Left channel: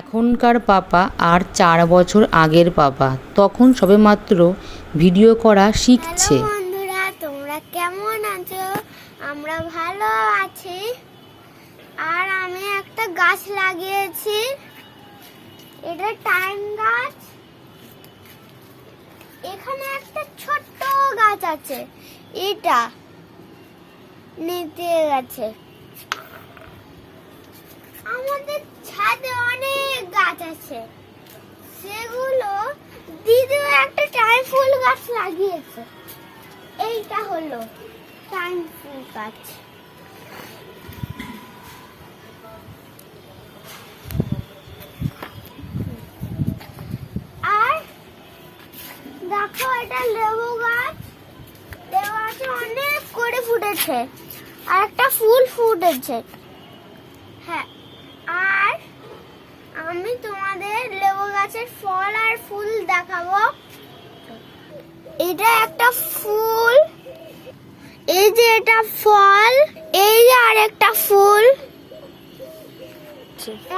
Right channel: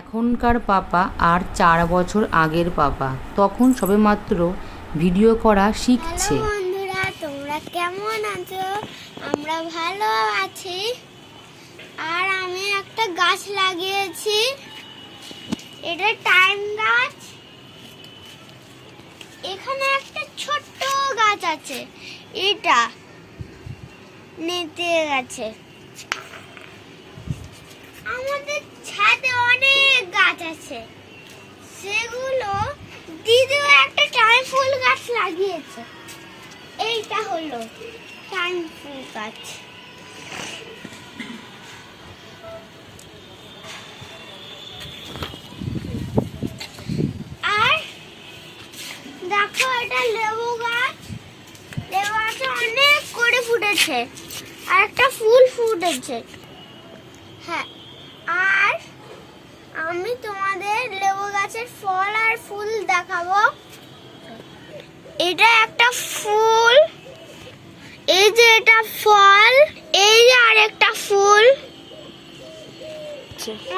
এখনকার পাপা আর 4 বছর আগের পাপা তখন সবেমাত্র ভিডিও করা শিখছে। হ্যালো বন্ধুরা, তোমরা কেমন আছো? আমরা ভালো আছি। আর আমি একটা গাছ লাগিয়েছি, এটা টাইম গাছ। এখানে একটা ছোট্ট গাছ আছে, এটা নিতে গেছে। আমাদের ছাদে অনেক গাছ আছে, সেগুলো দিদিও একটা টাইম ফুল গাছ লাগিয়েছে। এইটা হলো টাইম ফুল গাছ। আর দেখো, এটা লেবু গাছ। লেবু গাছে অনেক করে ফুটেছে, আর একটা ফুল ফুটেছে। হ্যাঁ, আর আমি তোমাদের লেবু গাছের ফল আর ফুল দেখাবো। এটা একটা ফুল, এই যে এটা ফল, এই যে আরেকটা ফুল।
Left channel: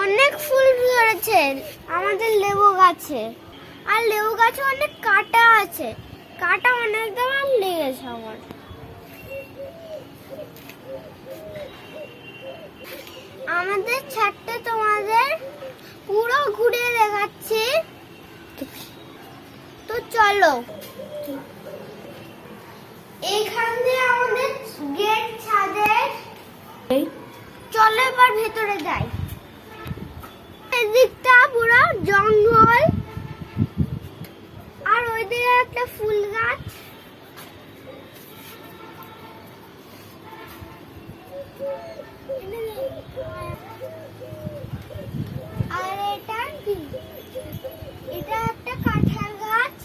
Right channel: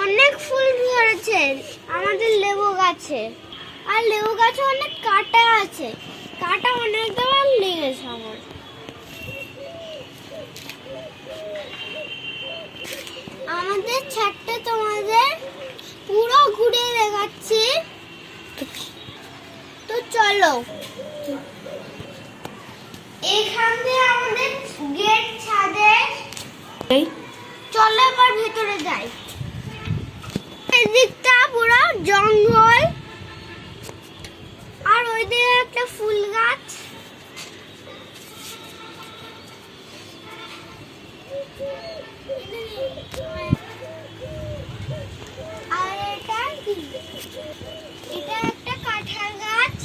অনেক ফুল ধরেছে আমাদের লেবু গাছে। আর লেবু গাছে অনেক কাঁটা আছে, কাঁটা অনেক দেওয়ার লেগেছে আমার। আমাদের ছাদটা তোমাদের পুরো ঘুরে দেখাচ্ছি, তো চলো। এখান দিয়ে আমাদের গেট ছাদে। চলো এবার ভেতরে যাই। এদিকটা পুরো জঙ্গল, আর ওই দিকে একটা ফুল গাছ। আর এটা কি? এটা একটা কাঁঠাল গাছ।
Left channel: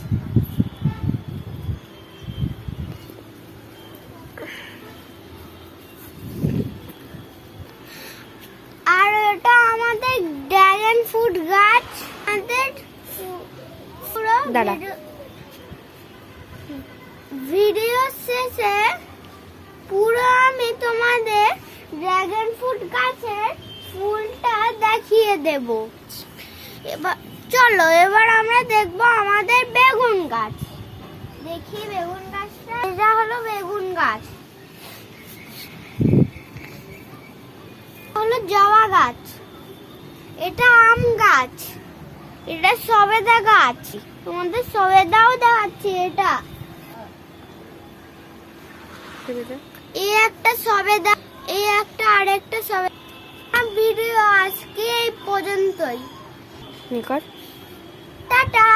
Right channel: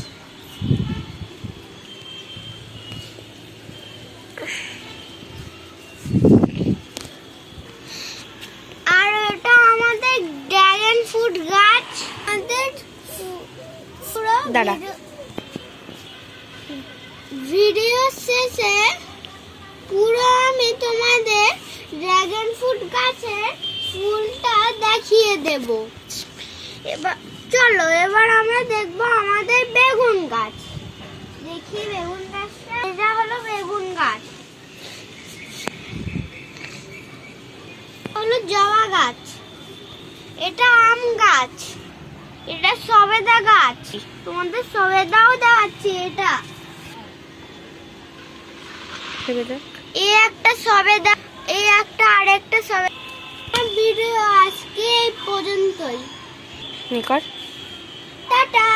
আর এটা আমাদের ড্রাগন ফ্রুট গাছ। আমাদের পুরো ভিডিও শেষে পুরো আমি তোমাদের ড্রাগন ফ্রুট গাছের ফুলটা দেখিয়ে দেব। এবার চলো, এবার আমরা দেখবো আমাদের বেগুন গাছ। দেখি বেগুন গাছটা, এটা হলো বেগুন গাছ। হলো জবা গাছ, এটা আম গাছ, এটা সবেদা গাছ। তোমাদের সবেদাও দেখাচ্ছি। এটা এই একটা সবেদা, এই একটা আরেকটা সবেদা। ভিডিও আজকে এই পর্যন্তই। টাটা।